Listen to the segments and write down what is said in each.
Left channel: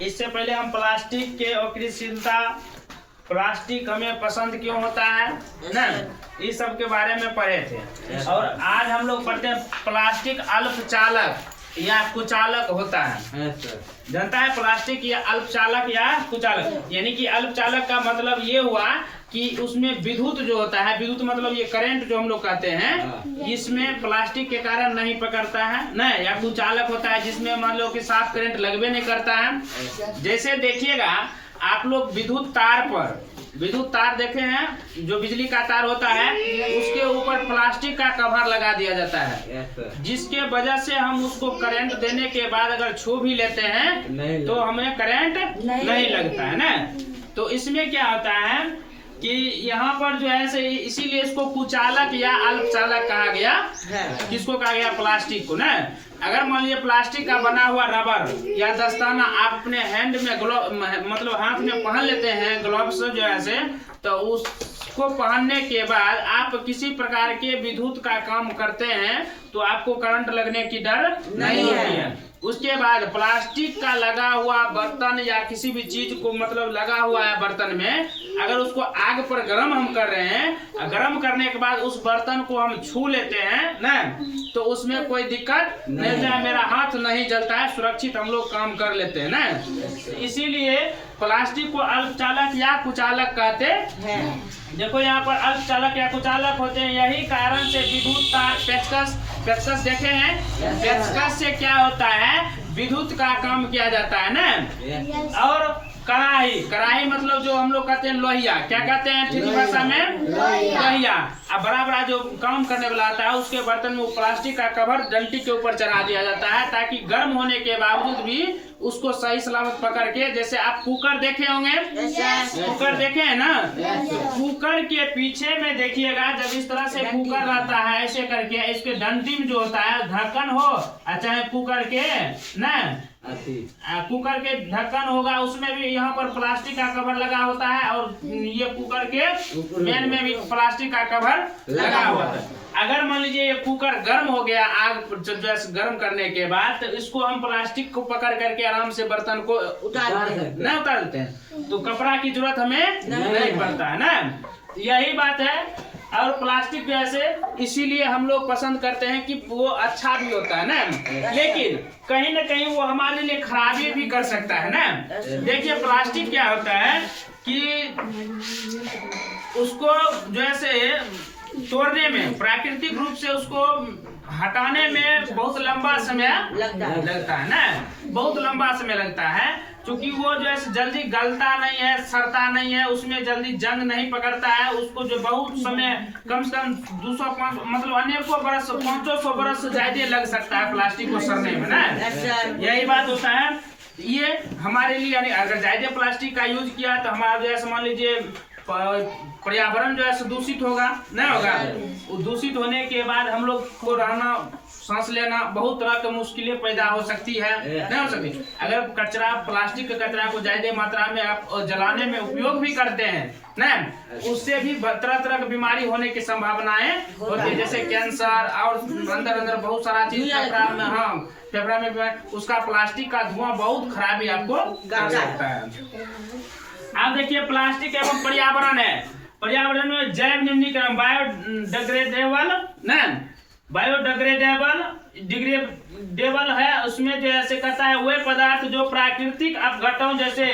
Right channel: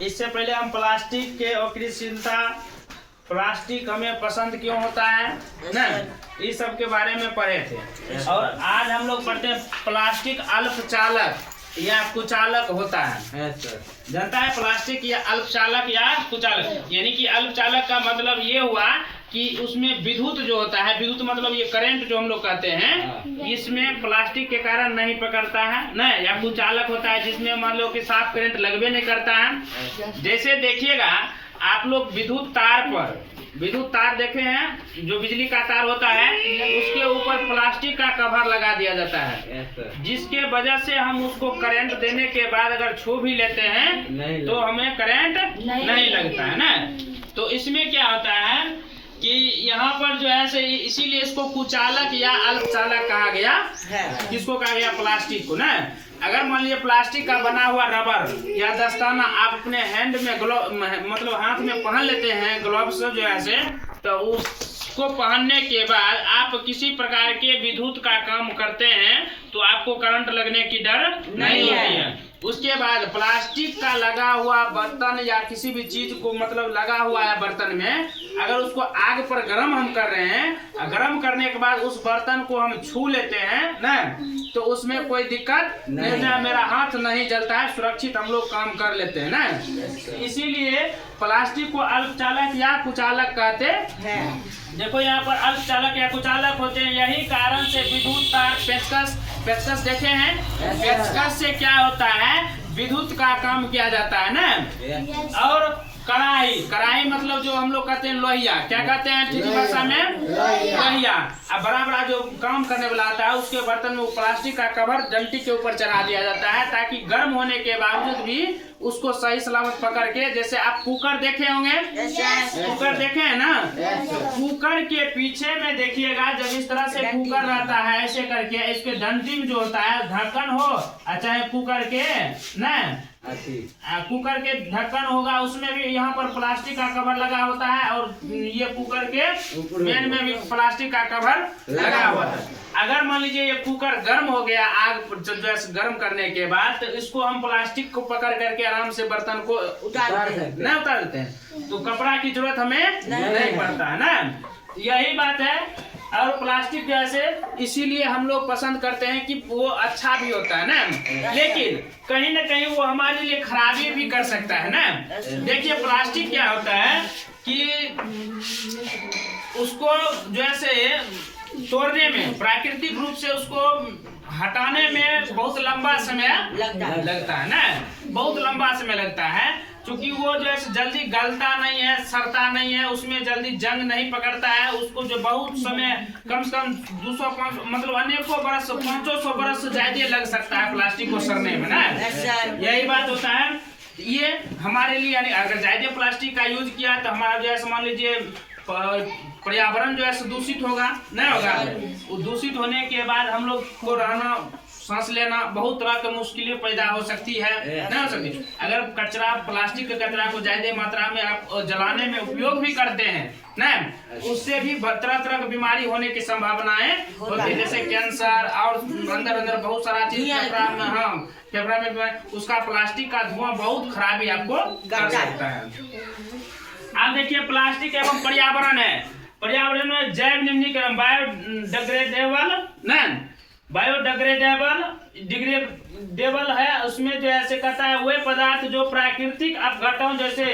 इससे पहले हम प्लास्टिक के अक्रियशीलता, प्लास्टिक हमें पसंद क्यों होता है ना, इस सब के बारे में पढ़े थे। और आज हम लोग पढ़ते हैं प्लास्टिक अल्पचालक या कुचालक होता है। जानता है प्लास्टिक या अल्पचालक या कुचालक, यानी कि अल्पचालक का मतलब ये हुआ कि उसमें विद्युत जो होता है, विद्युत मतलब ये करंट जो हम लोग कहते हैं, इसमें प्लास्टिक के कारण नहीं पकड़ता है ना। या कुचालक होता है जिसमें मान लो कि साफ करंट लगवे नहीं करता है। जैसे देखिएगा आप लोग विद्युत तार देखे हैं, जो बिजली का तार होता है उसके ऊपर प्लास्टिक का कवर लगा दिया जाता है, जिसके वजह से हम उसको करंट देने के बाद अगर छू भी लेते हैं तो हमें करंट नहीं लगता है ना। तो इसमें क्या होता है कि यहाँ पर जो है से इसीलिए इसको कुचालक या अल्पचालक कहा गया। किसको कहा गया? प्लास्टिक को ना। अगर मान लीजिए प्लास्टिक का बना हुआ रबर या दस्ताना आप अपने हैंड में मतलब हाथ में पहन लेते हैं, ग्लव्स जो है से, तो उसको पहनने के बाद आप किसी प्रकार के विद्युत का काम करते हैं तो आपको करंट लगने की डर नहीं होती है। उसके बाद प्लास्टिक का लगा हुआ बर्तन या किसी भी चीज को मतलब लगा हुआ है बर्तन में, अगर उसको आग पर गर्म हम कर रहे हैं, गर्म करने के बाद उस बर्तन को हम छू लेते हैं ना, तो उसमें कोई दिक्कत नहीं है, मेरा हाथ नहीं जलता है, सुरक्षित हम लोग काम कर लेते हैं ना। इसीलिए प्लास्टिक को अल्पचालक या कुचालक कहते हैं। देखो यहाँ पर अल्पचालक या कुचालक होते हैं, यही कारण से विद्युत तार, पेचकस देखे हैं, पेचकस से क्या होता है, विद्युत का काम किया जाता है ना। और कढ़ाई मतलब जो हम लोग कहते हैं लोहिया, क्या कहते हैं ठीक भाषा में? लोहिया। अब बड़ा जो काम करने वाला आता है उसके बर्तन में वो प्लास्टिक का कवर डंटी के ऊपर चढ़ा दिया जाता है, ताकि गर्म होने के बावजूद भी उसको सही सलामत पकड़ के, जैसे आप कुकर देखे होंगे, कुकर देखे हैं ना, कुकर के पीछे में देखिएगा जब इस तरह से कुकर रहता है ऐसे करके, इसके डंटी में जो होता है ढक्कन हो, चाहे कुकर के ना, कुकर के ढक्कन होगा, उसमें भी यहाँ पर प्लास्टिक का कवर लगा होता है, और ये कुकर के मेन में भी प्लास्टिक का कवर लगा हुआ है। अगर मान लीजिए ये कुकर गर्म हो गया आग गर्म करने के बाद, तो इसको हम प्लास्टिक को पकड़ करके आराम से बर्तन को उतार देते हैं, तो कपड़ा की जरूरत हमें नहीं पड़ता है ना। यही बात है। और प्लास्टिक जैसे इसीलिए हम लोग पसंद करते हैं कि वो अच्छा भी होता है ना, लेकिन कहीं ना कहीं वो हमारे लिए खराबी भी कर सकता है ना। देखिए प्लास्टिक क्या होता है कि उसको जैसे तोड़ने में, प्राकृतिक रूप से उसको हटाने में बहुत लंबा समय लगता है ना, बहुत लंबा समय लगता है, क्योंकि वो जो है जल्दी गलता नहीं है, सड़ता नहीं है, उसमें जल्दी जंग नहीं पकड़ता है। उसको जो बहुत समय कम से कम 200 मतलब अनेकों बरस, 500 बरस से ज्यादा लग सकता है प्लास्टिक को सड़ने में ना। यही बात होता है। ये हमारे लिए यानी अगर ज्यादा प्लास्टिक का यूज किया तो हमारा जैसे मान लीजिए पर्यावरण जो है दूषित होगा, नहीं होगा। वो दूषित होने के बाद हम लोग को रहना, सांस लेना बहुत तरह की मुश्किलें पैदा हो सकती है, नहीं हो सकती। अगर कचरा, प्लास्टिक के कचरा को ज्यादा मात्रा में आप जलाने में उपयोग भी करते हैं ना, उससे भी तरह तरह की बीमारी होने की संभावनाएं होती है, जैसे कैंसर और अंदर बहुत सारा चीज फेफड़ा में उसका प्लास्टिक का धुआं बहुत खराबी आपको कर सकता है। आप देखिए प्लास्टिक एवं पर्यावरण है, पर्यावरण में जैव निम्नीकरण, बायोडिग्रेडेबल है, उसमें जो ऐसे कहता है वे पदार्थ जो प्राकृतिक अपघटनों जैसे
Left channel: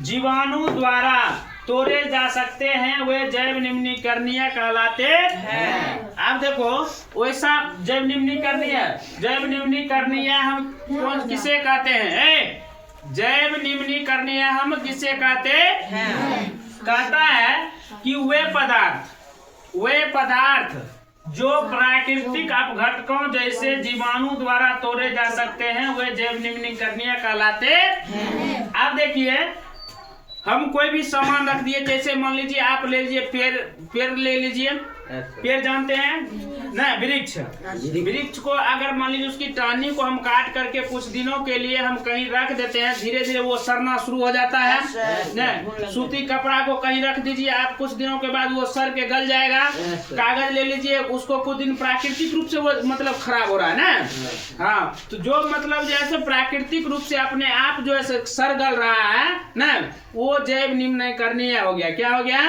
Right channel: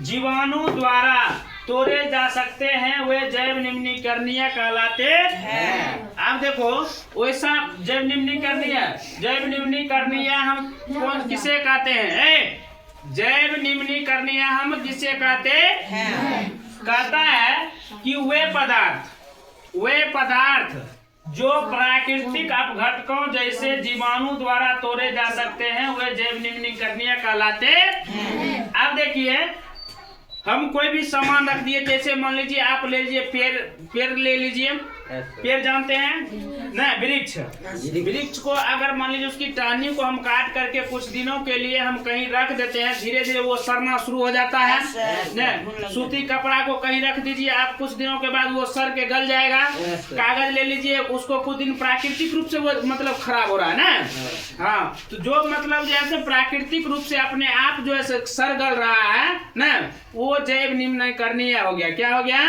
जीवाणु द्वारा तोड़े जा सकते हैं वे जैव निम्नीकरणीय कहलाते हैं। आप देखो वैसा जैव निम्नीकरणीय हम किसे कहते हैं? जैव निम्नीकरणीय हम जिसे कहते हैं, कहता है कि वे पदार्थ जो प्राकृतिक अपघटकों जैसे जीवाणु द्वारा तोड़े जा सकते हैं वे जैव निम्नीकरणीय कहलाते हैं। आप देखिए हम कोई भी सामान रख दिए, जैसे मान लीजिए आप ले लीजिए पेड़ ले लीजिए, पेड़ जानते हैं ना, वृक्ष। वृक्ष को अगर मान लीजिए उसकी टहनी को हम काट करके कुछ दिनों के लिए हम कहीं रख देते हैं, धीरे धीरे वो सड़ना शुरू हो जाता है ना। सूती कपड़ा को कहीं रख दीजिए आप, कुछ दिनों के बाद वो सड़ के गल जाएगा। कागज ले लीजिए, उसको कुछ दिन प्राकृतिक रूप से वो मतलब खराब हो रहा है ना। हाँ, तो जो मतलब जैसे प्राकृतिक रूप से अपने आप जो है सड़ गल रहा है ना, वो जैव निम्न करणीय हो गया। क्या हो गया?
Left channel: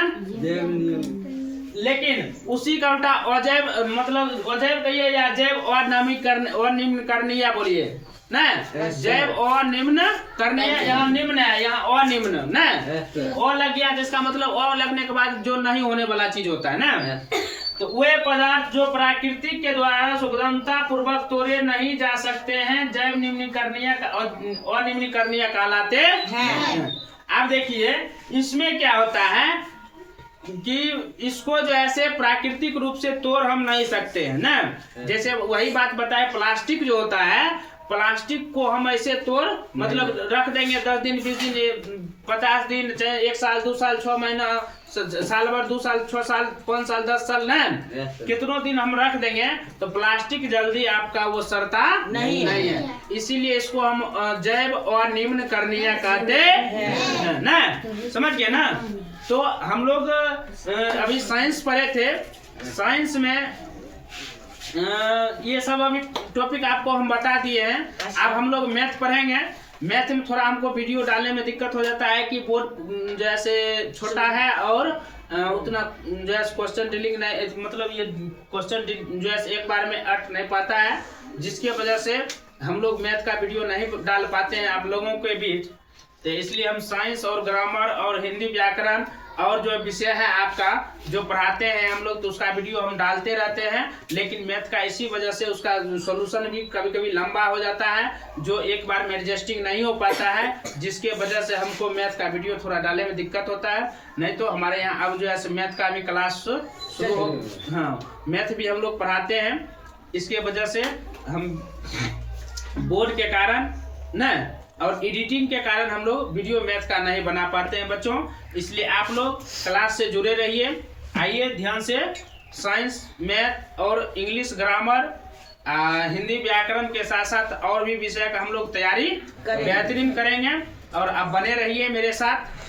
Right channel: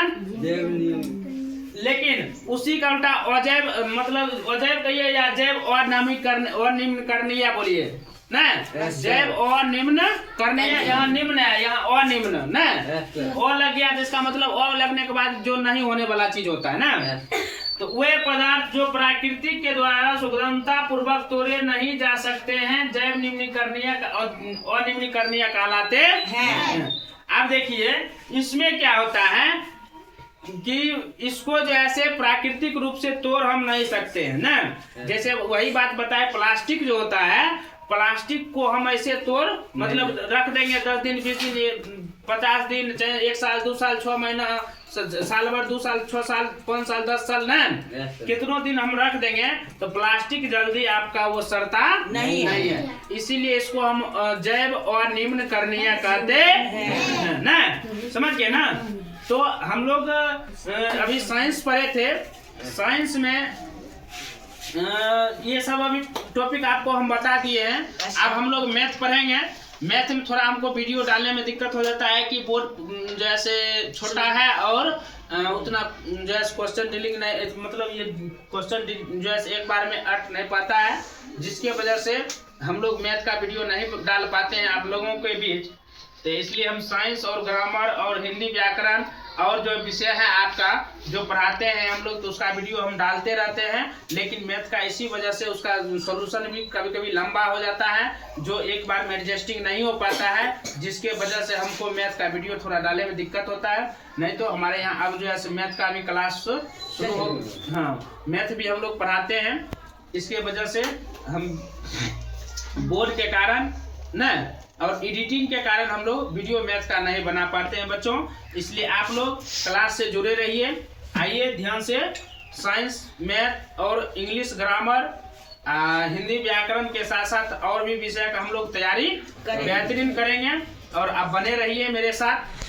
लेकिन उसी का उल्टा अजैव मतलब अजैव कहिए या जैव और निम्न करणीय बोलिए ना। जैव और निम्न करणीय, यहाँ निम्न है, यहाँ अनिम्न ना, ओ लग गया जिसका मतलब ओ लगने के बाद जो नहीं होने वाला चीज होता है ना। तो वे पदार्थ जो प्राकृतिक के द्वारा सुगमता पूर्वक तोड़े नहीं जा सकते हैं, जैव निम्नीकरणीय और निम्नीकरणीय कहलाते हैं। अब देखिए इसमें क्या होता है कि इसको जैसे प्राकृतिक रूप से तोड़ हम नहीं सकते हैं ना। जैसे वही बात बताए, प्लास्टिक जो होता है, प्लास्टिक को हम ऐसे तोड़ मतलब रख देंगे 10 दिन 20 दिन 50 दिन, चाहे 1 साल 2 साल 6 महीना, साल भर 2 साल 6 साल 5 साल 10 साल ना, कितनों दिन हम रख देंगे तो प्लास्टिक जल्दी आपका वो सड़ता नहीं है। इसीलिए इसको हम जैव और निम्न करणीय कहते हैं ना। समझ गए ना। तो हम लोग अभी साइंस पढ़े थे, साइंस में ये सब अभी टॉपिक आपको हम बता दिए हैं। अब हम लोग मैथ पढ़ेंगे। मैथ में थोड़ा हमको वीडियो डालने में दिक्कत हो जाता है कि बोर्ड जैसे छोटा है और उतना जो है क्वेश्चन डीलिंग नहीं, मतलब ये क्वेश्चन जो है एक बार में अट नहीं पाता है, जिसकी वजह से हम लोग मैथ का वीडियो नहीं डाल पाते हैं आप लोगों के बीच। तो इसलिए हम साइंस और ग्रामर और हिंदी व्याकरण और जो विषय है आपका जो पढ़ाते हैं हम लोग, तो उसका वीडियो हम डालते रहते हैं। लेकिन मैथ का इसी वजह से उसका सॉल्यूशन भी कभी कभी लंबा हो जाता है, जो एक बार में एडजस्टिंग नहीं हो पाता है, जिसके वजह से हमको मैथ का वीडियो थोड़ा डालने में दिक्कत होता है। नहीं तो हमारे यहाँ अब जो है मैथ का भी क्लास शुरू हो, हाँ मैथ भी हम लोग पढ़ाते हैं। इसके वजह से हम बोर्ड के कारण न और एडिटिंग के कारण हम लोग वीडियो मैथ का नहीं बना पाते हैं बच्चों। इसलिए आप लोग क्लास से जुड़े रहिए। आइए ध्यान से साइंस, मैथ और इंग्लिश ग्रामर, हिंदी व्याकरण के साथ साथ और भी विषय का हम लोग तैयारी बेहतरीन करेंगे। और आप बने रहिए मेरे साथ।